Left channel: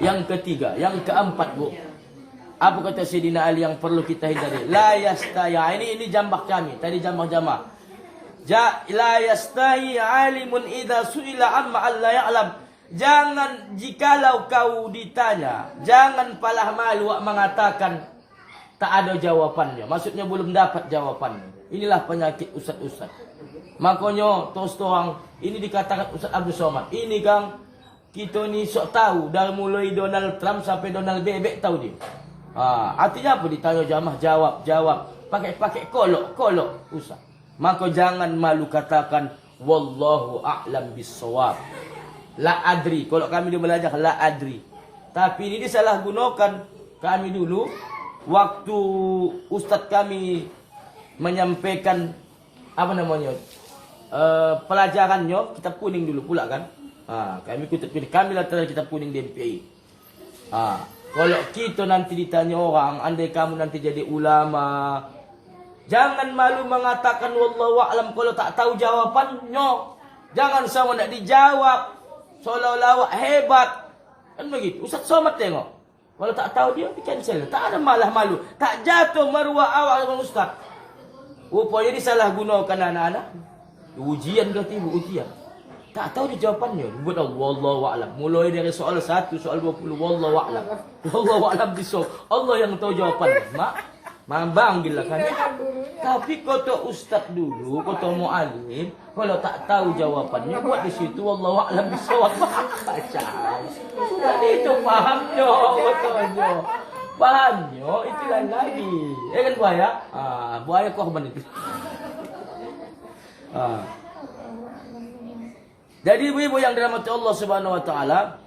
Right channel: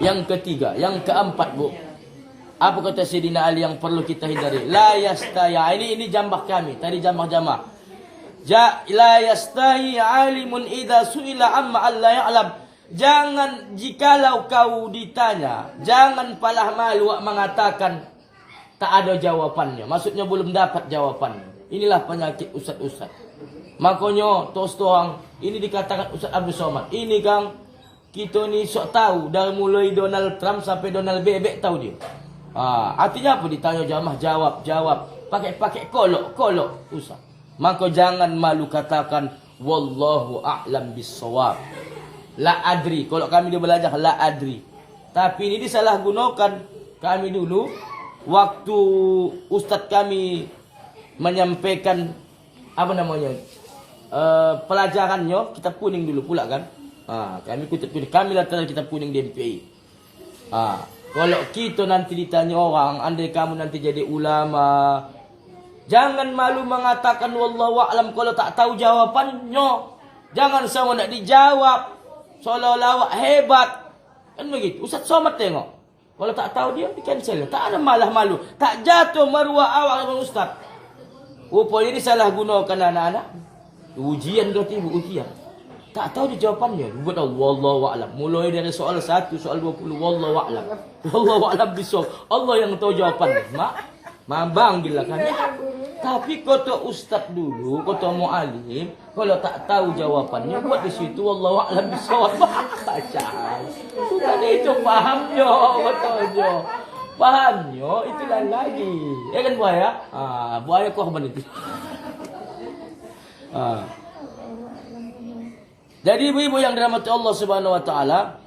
Yang ketiga, yang keempat, Bu. Apa kata Sayyidina Ali yang perlu kita hindari? La yastaya. Ini jambah kami. Tadi jambah jamaah. La yastahi alimun idza suila amma alla ya'lam. Jangan jikalau kau ditanya, jangan palah malu mengatakan tak ada jawapannya. Maksudnya belum dapat jawapannya. Inilah penyakit ustaz-ustaz. Makanya terus terang ini dikatakan Ustaz Abdul Somad. Ini Kang, kita ni sok tahu dari mulai Donald Trump sampai Donald Bebek tahu dia. Artinya apa ditanya jamaah jawab. Pakai kolok usah. Maka jangan malu katakan wallahu a'lam bissawab. La adri. Kalau kami dia belajar la adri. Tapi ini disalahgunakan. Kami dulu waktu ustaz kami menyampaikan apa namanya? Pelajarannya kitab kuning dulu pula kan. Kami kutip kami latar kitab kuning di MPI. Kalau kita nanti ditanya orang, andai kamu nanti jadi ulama, jangan malu mengatakan wallahu a'lam kalau tak tahu jawabannya. Jangan sama nak dijawab seolah-olah hebat. Kan begitu. Ustaz Somad tengok. Kalau tak tahu dia di cancel. Tak ada malah malu. Tak jatuh maruah awak dengan ustaz. Rupanya disalahgunakan anak-anak. Ujian kata ibu ujian. Tak tahu dia jawapannya. Buat wallahu a'lam. Mulai dari soal 1, soal 20 wallahu a'lam. Wallahu a'lam bisawab. Allah yang tahu jawapannya. Mak panggillah kami. Tapi kata ustaz dulu, kata muallim, kalau tak tahu jawapannya buat di situ wallahu a'lam bisawab. Bukan itu fahamnya katanya. Fahamnya itu lain lagi. Kan buaya? Buaya korban itu. Jadi ibu-ibu yang dirahmati Allah Subhanahu wa taala,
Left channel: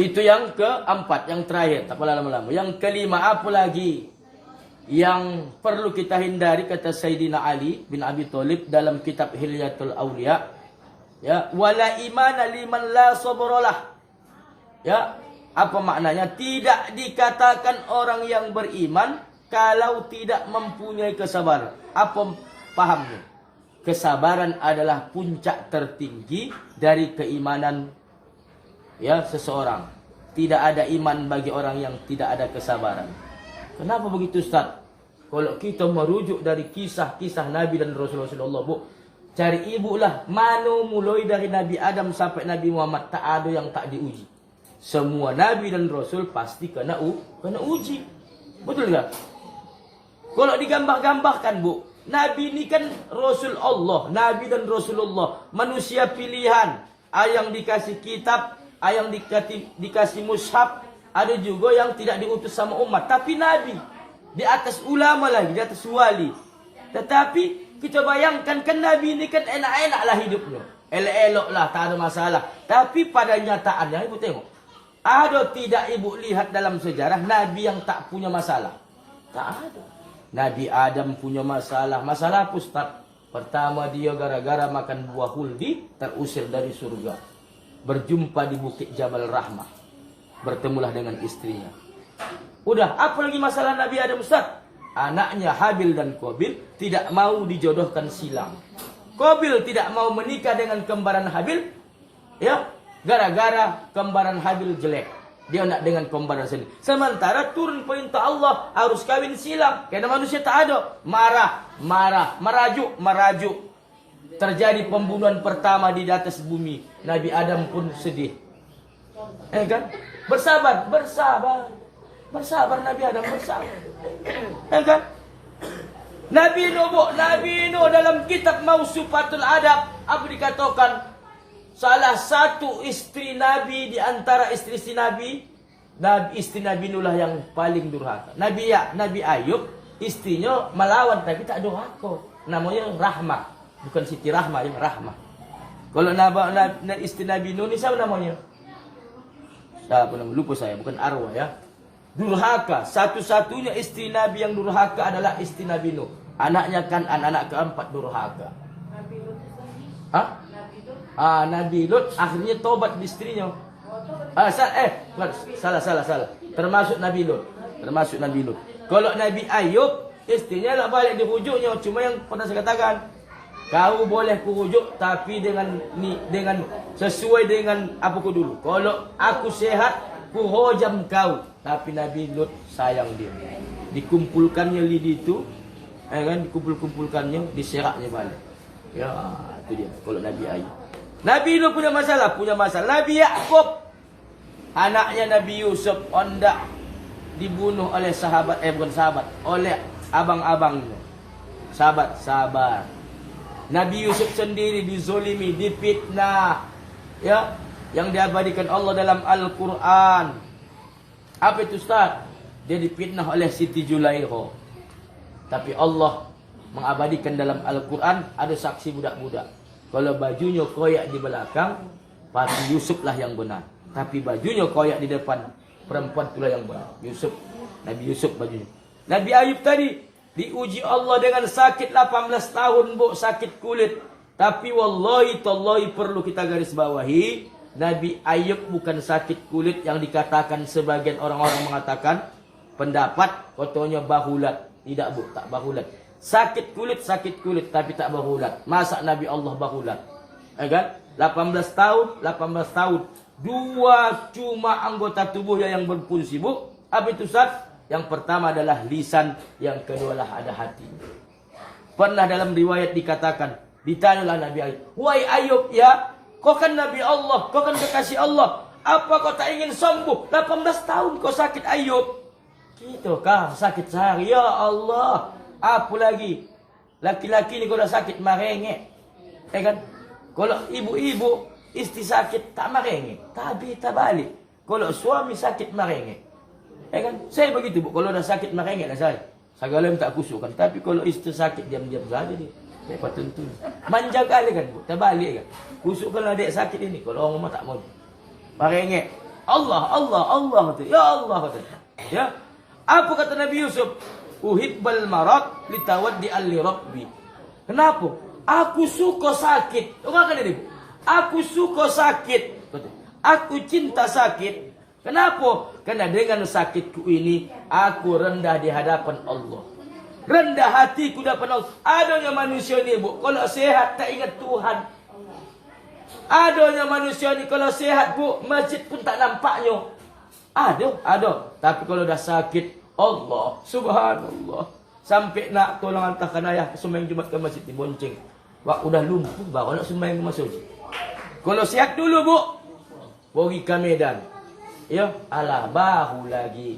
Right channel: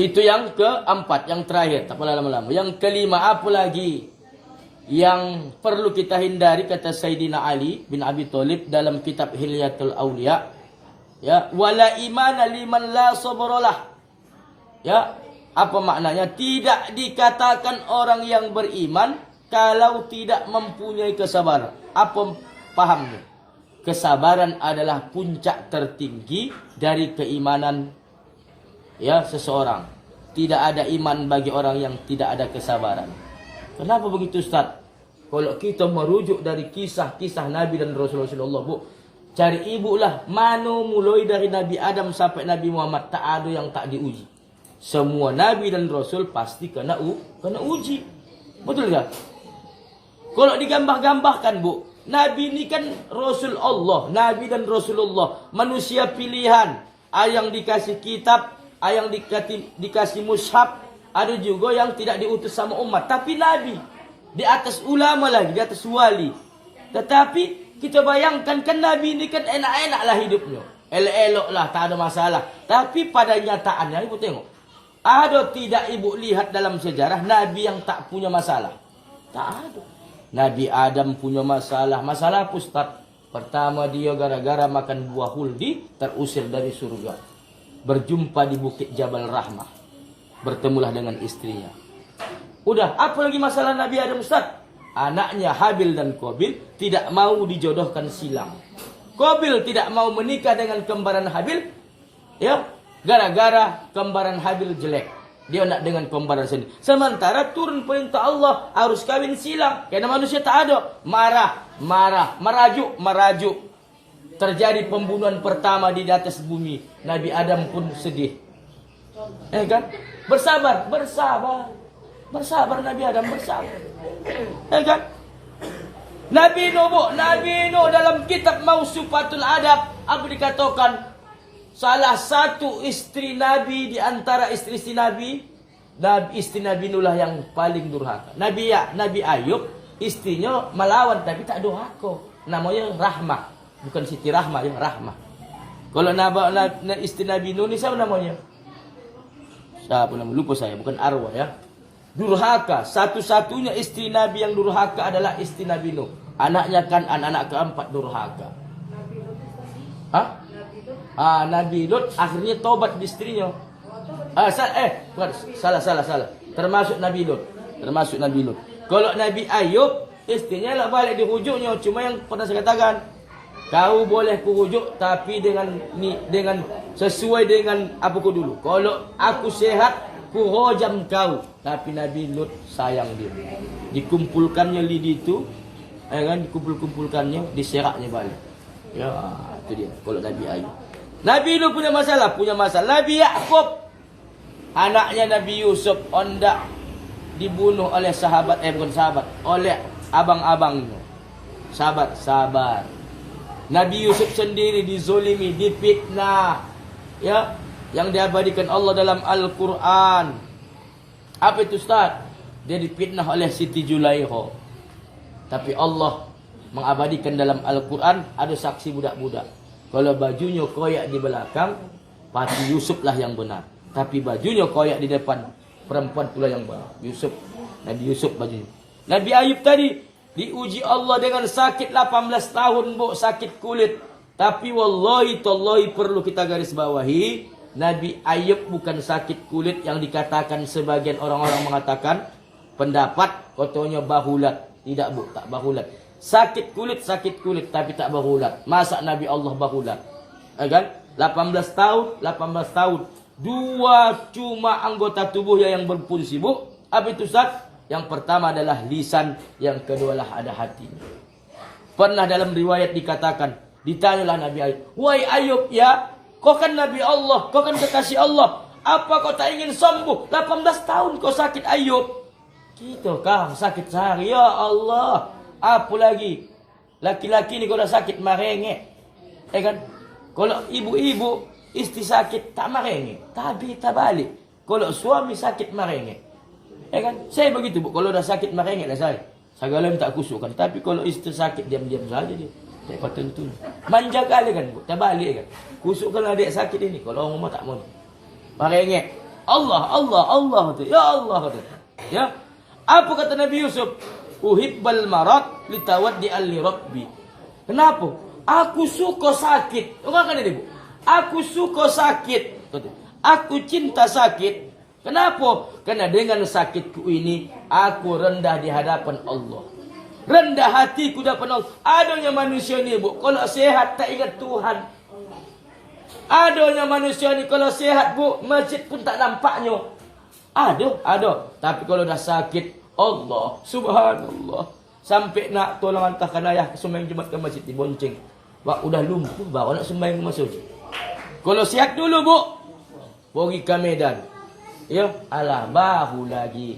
itu yang keempat, yang terakhir, tak pula lama-lama. Yang kelima, apa lagi yang perlu kita hindari kata Sayyidina Ali bin Abi Thalib dalam kitab Hilyatul Awliya, ya, wala imana liman la sabralah. Ya, apa maknanya? Tidak dikatakan orang yang beriman kalau tidak mempunyai kesabaran. Apa pahamnya? Kesabaran adalah puncak tertinggi dari keimanan ya seseorang. Tidak ada iman bagi orang yang tidak ada kesabaran. Kenapa begitu Ustaz? Kalau kita merujuk dari kisah-kisah Nabi dan Rasulullah, Bu, cari ibu lah. Mana mulai dari Nabi Adam sampai Nabi Muhammad tak ada yang tak diuji. Semua Nabi dan Rasul pasti kena uji. Betul tak? Kalau digambar-gambarkan, Bu, Nabi ini kan Rasul Allah, Nabi dan Rasulullah, manusia pilihan. Yang dikasih kitab, yang dikasih mushaf, ada juga yang tidak diutus sama umat. Tapi Nabi, di atas ulama lagi, di atas wali. Tetapi kita bayangkan kan Nabi ini kan enak-enak lah hidupnya. Elok-elok lah, tak ada masalah. Tapi pada nyataannya, ibu tengok. Ada tidak ibu lihat dalam sejarah Nabi yang tak punya masalah? Tak ada. Nabi Adam punya masalah. Masalah apa Ustaz? Pertama dia gara-gara makan buah huldi terusir dari surga. Berjumpa di bukit Jabal Rahmah. Bertemulah dengan istrinya. Udah, apa lagi masalah Nabi Adam Ustaz? Anaknya Habil dan Qabil tidak mau dijodohkan silang. Qabil tidak mau menikah dengan kembaran Habil. Ya, gara-gara kembaran Habil jelek. Dia nak dengan kembaran sendiri. Sementara turun perintah Allah harus kawin silang. Karena manusia tak ada. Marah, merajuk. Terjadi pembunuhan pertama di atas bumi. Nabi Adam pun sedih. Kan? Bersabar. Bersabar Nabi Adam, bersabar. Kan? Nabi Nuh dalam kitab Mausufatul Adab, apa dikatakan? Salah satu istri Nabi di antara istri-istri Nabi, istri Nabi Nuh lah yang paling durhaka. Nabi Ayub, istrinya melawan tapi tak durhaka. Namanya Rahmah. Bukan Siti Rahmah, ya Rahmah. Kalau istri Nabi Nuh ni siapa namanya? Siapa namanya? Lupa saya, bukan Arwah ya. Durhaka. Satu-satunya istri Nabi yang durhaka adalah istri Nabi Nuh. Anaknya kan anak keempat durhaka. Nabi Lut akhirnya tobat di istrinya. Salah. Termasuk Nabi Lut. Kalau Nabi Ayub, istrinya lah balik di hujungnya. Cuma yang pernah saya katakan, Kau boleh kurujuk tapi dengan sesuai dengan apa ku dulu. Kalau aku sehat, ku hojam kau. Tapi Nabi Lut sayang dia. Dikumpulkannya lidi itu, kan, dikumpulkannya, diseraknya balik. Ya, itu dia. Kalau Nabi Ayub. Nabi Lut punya masalah. Nabi Yakub, anaknya Nabi Yusuf, hendak dibunuh oleh sahabat, bukan sahabat, oleh abang-abangnya. Sabar. Nabi Yusuf sendiri dizolimi, difitnah. Ya, yang diabadikan Allah dalam Al-Quran. Apa itu Ustaz? Dia difitnah oleh Siti Julaiho. Tapi Allah mengabadikan dalam Al-Quran ada saksi budak-budak. Kalau bajunya koyak di belakang, pasti Yusuf lah yang benar. Tapi bajunya koyak di depan, perempuan pula yang benar. Nabi Yusuf bajunya. Nabi Ayub tadi diuji Allah dengan sakit 18 tahun, bu, sakit kulit. Tapi wallahi tallahi perlu kita garis bawahi, Nabi Ayub bukan sakit kulit yang dikatakan sebagian orang-orang mengatakan pendapat kotonya bahulat. Tidak, bu, tak bahulat. Sakit kulit tapi tak bahulat. Masa Nabi Allah bahulat? Kan? 18 tahun. Dua cuma anggota tubuhnya yang berfungsi, bu. Apa itu Ustaz? Yang pertama adalah lisan, yang kedua lah ada hati. Pernah dalam riwayat dikatakan, ditanyalah Nabi Ayub, "Wahai Ayub, ya, kau kan Nabi Allah, kau kan kekasih Allah. Apa kau tak ingin sembuh? 18 tahun kau sakit Ayub." Gitu kah sakit sehari? Ya Allah, apa lagi? Laki-laki ni kalau sakit merengek. Kan? Kalau ibu-ibu istri sakit tak merengek, tapi tak balik. Kalau suami sakit merengek. Kan? Saya begitu, bu. Kalau dah sakit merengek lah saya. Segala yang tak kusukkan. Tapi kalau istri sakit diam-diam saja dia. Saya patut tu. Manja kali kan, bu. Tak balik kan. Kusukkan adik sakit ini. Kalau orang rumah tak mau. Merengek. Allah kata. Ya Allah kata. Ya. Apa kata Nabi Yusuf? Uhibbal marad litawaddi li rabbi. Kenapa? Aku suka sakit. Orang kan ini, bu. Aku suka sakit. Aku cinta sakit. Kenapa? Karena dengan sakitku ini aku rendah di hadapan Allah. Rendah hatiku di hadapan Allah. Adanya manusia ni, bu, kalau sehat tak ingat Tuhan. Adanya manusia ni kalau sehat, bu, masjid pun tak nampaknya. Ada. Tapi kalau dah sakit, Allah, subhanallah. Sampai nak tolong hantarkan ayah ke sembahyang Jumat ke masjid dibonceng. Wah, udah lumpuh bawa nak sembahyang ke masjid. Kalau sihat dulu, bu, pergi ke Medan. Ya, alah bahu lagi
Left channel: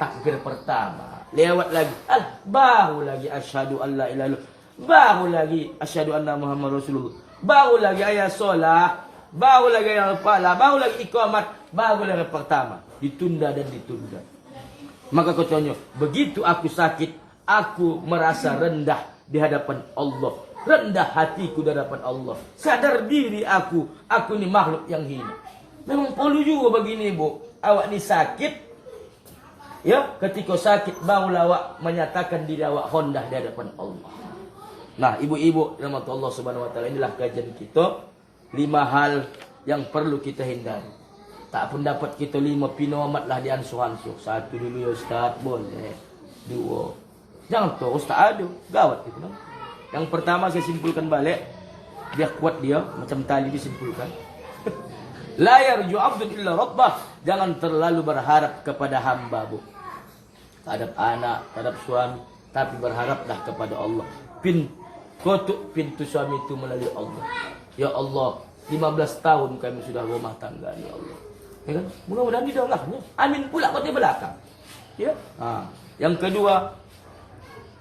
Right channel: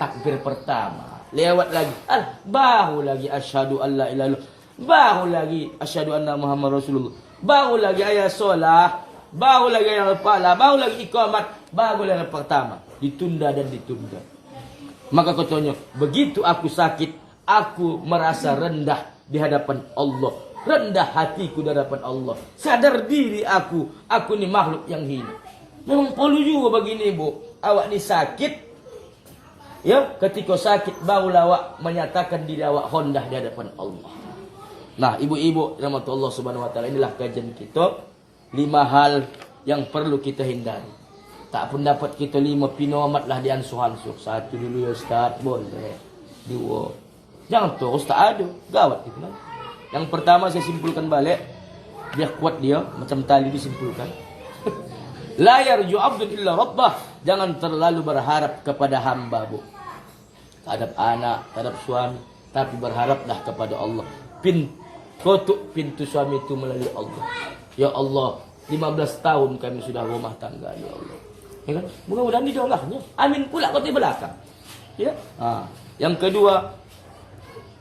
takbir pertama. Lewat lagi, alah bahu lagi asyhadu alla ilaha illallah. Bahu lagi asyhadu anna Muhammad Rasulullah. Bahu lagi ayat solat, bahu lagi ayat pala, bahu lagi iqamat, bahu lagi pertama. Ditunda dan ditunda. Maka katanya, begitu aku sakit, aku merasa rendah di hadapan Allah. Rendah hatiku di hadapan Allah. Sadar diri aku ni makhluk yang hina. Memang perlu juga begini, bu. Awak ni sakit. Ya, ketika sakit barulah awak menyatakan diri awak hondah di hadapan Allah. Nah, ibu-ibu rahmat Allah Subhanahu wa taala, inilah kajian kita 5 hal yang perlu kita hindari. Tak pun dapat kita 5 pinomat lah di ansuh-ansuh. 1 dulu ya Ustaz, boleh. 2. Jangan terus tak ada. Gawat itu. Yang pertama saya simpulkan balik. Biar kuat dia, macam tali disimpulkan. La yarju abdun illa rabbah. Jangan terlalu berharap kepada hamba, bu. Terhadap anak, terhadap suami. Tapi berharaplah kepada Allah. Kotuk pintu suami itu melalui Allah. Ya Allah, 15 tahun kami sudah rumah tangga, ya Allah. Ya kan? Mudah-mudahan didoakannya. Amin pula kau di belakang. Ya. Yang kedua,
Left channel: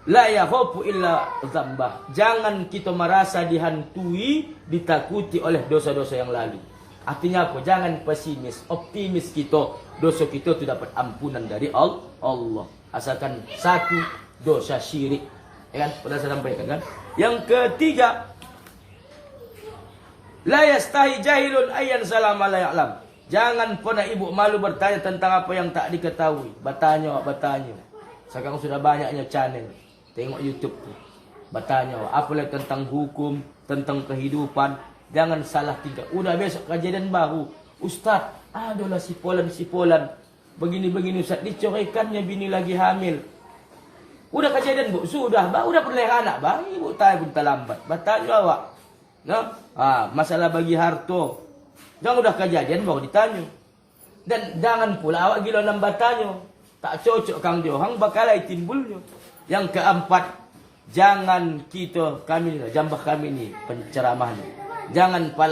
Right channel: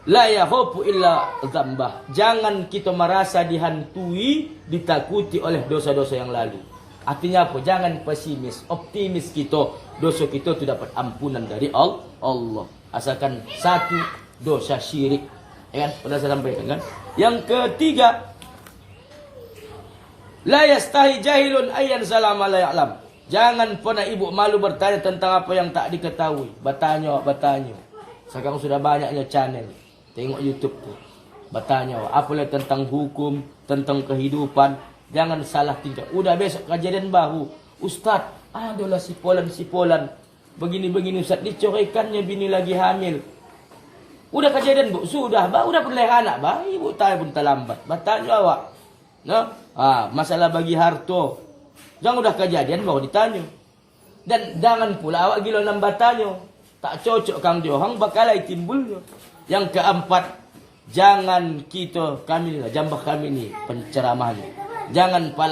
la yakhafu illa dzambah. Jangan kita merasa dihantui, ditakuti oleh dosa-dosa yang lalu. Artinya apa? Jangan pesimis, optimis kita. Dosa kita itu dapat ampunan dari Allah. Asalkan 1 dosa syirik. Ya kan? Pernah saya sampaikan kan? Yang ketiga, la yastahi jahilun ayyan salama la ya'lam. Jangan pernah ibu malu bertanya tentang apa yang tak diketahui. Bertanya. Sekarang sudah banyaknya channel. Tengok YouTube tu. Bertanya apalah tentang hukum, tentang kehidupan. Jangan salah tingkah. Udah besok kejadian baru. Ustaz, adalah sipolan. Begini-begini Ustaz. Dicoraikannya bini lagi hamil. Udah kejadian bu, sudah, udah pernah anak, ibu tanya pun terlambat. Bertanya awak, no? Masalah bagi harto, jangan udah kejadian baru ditanya. Dan jangan pula awak gila nang bertanya, tak cocok kang Johang bakalai timbulnya. Yang keempat, jangan kita kami, jambah kami ni penceramahnya, jangan pala